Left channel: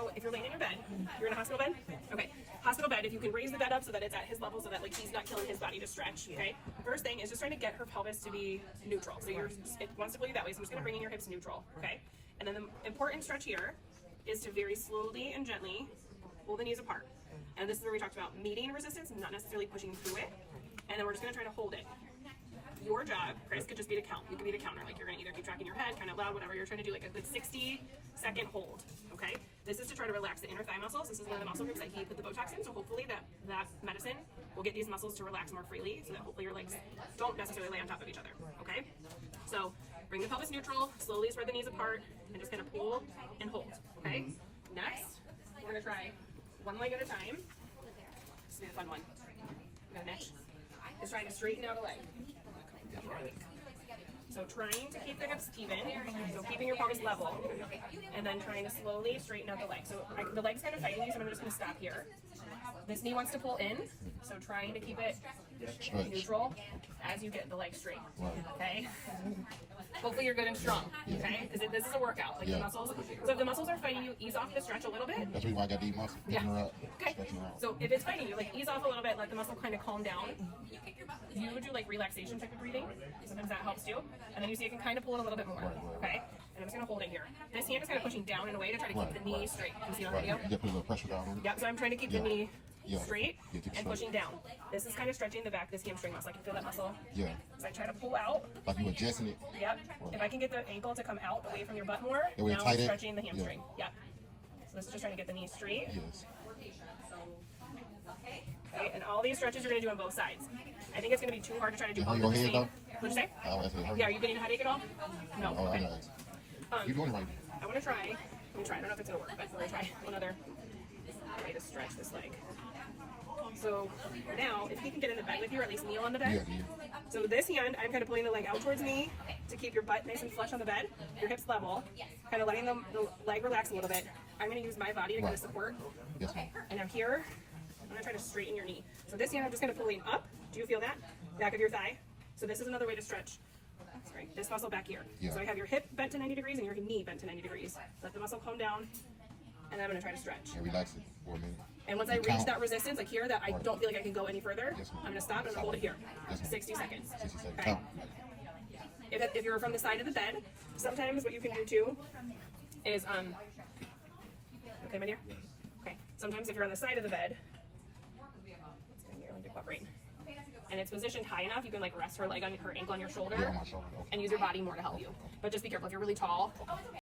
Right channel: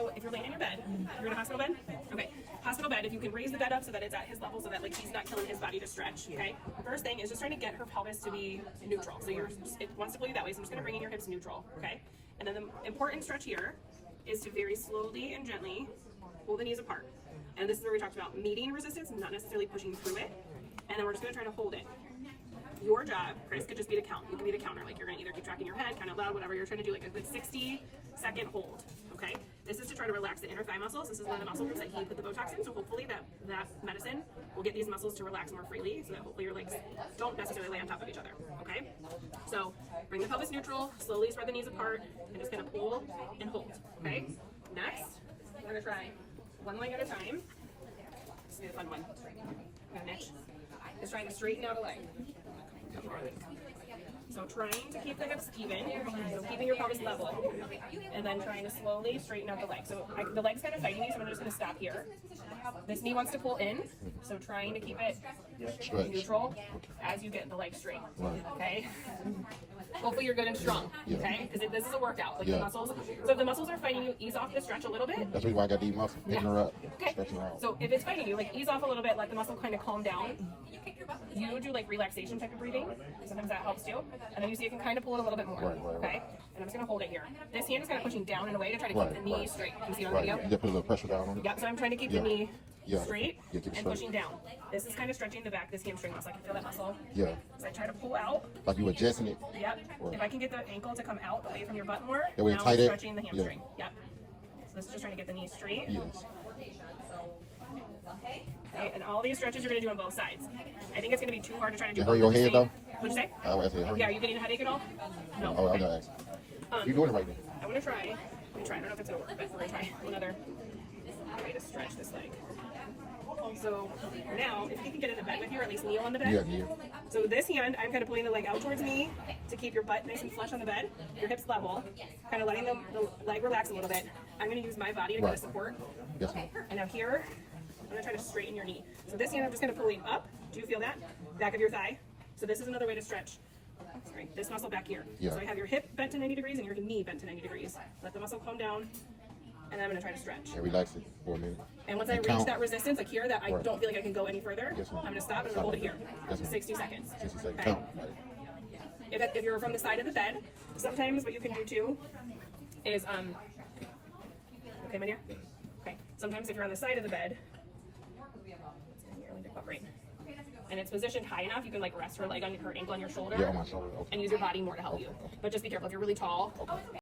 So if you're laying in your bed, you're in a hospital bed? Okay. Hospital bed, if you can raise the bed up so that it's at his level so that like he's not killing his body to stretch, okay? First thing is just trying to get her pelvis to be neutral. So it wants to pull you that way, so I'm just gonna bring in your hips neutral, okay? And then the important stretch here is to very slowly and gently pull the knees apart. And this is where we talked about meeting resistance, not necessarily pushing through it. And then we're just gonna try to hold it. Your job, Chris, could just be to count. You can be the counter. Like you're gonna either keep tracking your head, kind of loud, whatever you're trying to do, like a good 60-second hold. Okay? This is to try to relax the inner thigh muscles. This is one of the muscle groups that he put the Botox in. So hopefully that medicine will get these muscles to relax more freely, so that hopefully your legs don't necessarily lay on top of each other. Okay? So bring the pelvis neutral, slowly spread the knees apart, and just kind of pull and hold. Okay? Next, we're gonna try one leg at a time. This will be a fun one. I'm gonna niche. Is trying to straighten out a leg. So trying to keep the hips even, so keeping your pelvis level, and then trying to slowly straighten out the leg. So the leg's kind of fighting me, so I'm just going to stop here. This knee wants to pull in, so trying to keep it neutral as you get the leg straight. Okay? Hopefully you're good and strong, okay? Because this is a workout. Like the muscles. So if the muscles are fighting you, ease off the stretch a little bit. That's why I got these muscles picking her up. Okay. So if it's fighting you, like ease off a little bit, let the muscle kind of calm down. You do like relaxation type of breathing. Sometimes that helps too. And then you see you can kind of pull it a little bit more. Okay? And I'm just going to hold it here. This hand is kind of pushing down in a way to try to keep the knee straight. You see it on the video? You put a little pressure down on it. Yep, so I'm trying to keep the knee straight and straight. pushing down. This is kind of stretching the back, this hamstring muscle. I can feel that muscle. Yeah. So I try to pull out. Like you adjusting it. Yep. If I can get the ankle to come out away from your butt more, That way now I'm tight it. stretching the hamstring. Yep. So this is just trying to get the knee straight. Yes. Okay, and all these stretches you're going to do on both sides. I think it's going to be too hard to try to do Hurt both your at the head same. What'd you say? Yeah, are you getting a headache at all? No. Oh, Okay. you doing it right there. I'm going to try. I don't know if it's going to work, but we're going to try another way to stretch this leg. So now, if you can get in the bed with you, or at least kneel on the bed. Yeah. So this hand, I'm kind of pulling the leg out towards me to keep your butt nice and flush on the bed, your hips level, kind of letting the leg relax a little bit. I'm going to use my body to kind of support. Yes. And now here, I'm going to try to straighten your knee. So this hand, I'm just going to pull it up. Do you feel that? Back of your thigh. So this is another way to stretch. Sorry, this muscle back here. Yeah. So I have your hip bent to 90 degrees and your knee bent to 90 degrees. Let the muscle calm down. And I'm going to try to stretch. And relax it for a minute. And once I reach that resistance, like here, that I don't feel like I can go any further, Yes, I'm going to stop and hold it here. 60 seconds. 60 seconds. Okay. Count. If you're from the side of the bed, sometimes what you can do too is, okay, my dear? Okay. Sometimes if you're on the side of the bed, and it's positioned high enough, you can like rest her leg on her ankle on your shoulder, Yeah, on my shoulder. Okay. and use your body more to help you. But just be careful if you're really tall.